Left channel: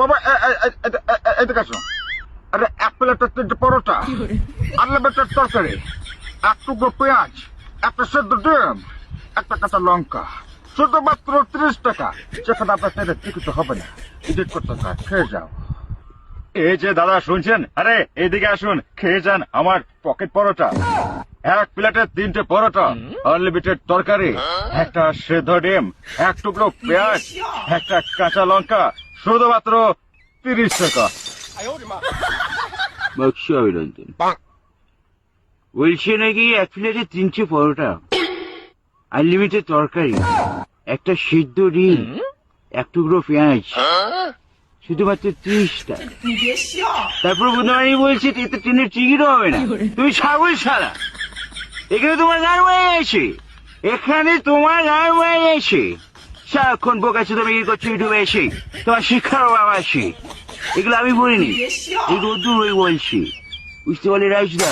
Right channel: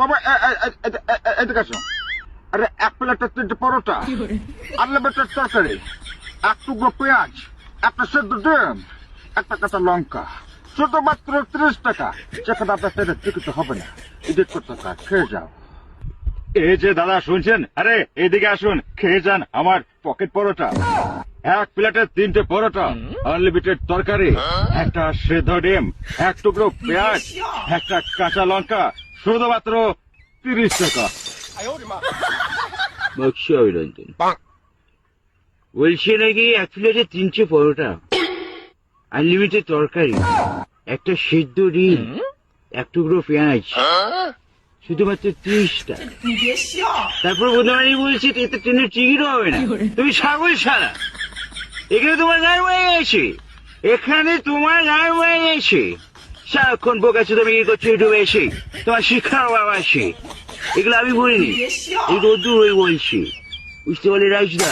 বাবা এদিকে আসো। আরে এক প্লেটের 3টে পরোটা, আনলিমিটেড তরকারি, এক টুকরো পেঁয়াজ, একটা সেদ্ধ ডিম, একটা কাঁচা লঙ্কা, শুধুমাত্র 30 টাকা। সেখানে আপনার সাথে টিকিট হবে না, এডিট করতে হয়, খেয়ে যাও। এই যে দাদা শুনছেন, আরে এইদিকে আসুন, খেয়ে যান আমার পকেট পরোটা। এক প্লেটে 3টে পরোটা, আনলিমিটেড তরকারি, একটা সেদ্ধ ডিম, এক টুকরো পেঁয়াজ, একটা কাঁচা লঙ্কা, শুধুমাত্র 30 টাকা। বক্সা অভিনন্দন বলছে নাকি 1 প্লেটে 3টে পরোটা, আনলিমিটেড তরকারি, একটা সিদ্ধ ডিম, এক টুকরো পেঁয়াজ, শুধুমাত্র 30 টাকা। তারপর বোধহয় বলছে এতে ট্রেনের টিকিটও হবে না। তুমি ছাগল ছাড়া, এখানে তোমার গায়ে হয়ে গেছে, এখানে তোমার গায়ে হয়ে গেছে। সারাক্ষণ বোকাচ্ছে তুমি কি করছো ইউটিউবে এসে, তোমার শিক্ষার অভাব আছে। এগুলো আমি বলিনি, এই রোদ্দুর হয়ে বলছি, বুঝতে পারলে রাইসদা।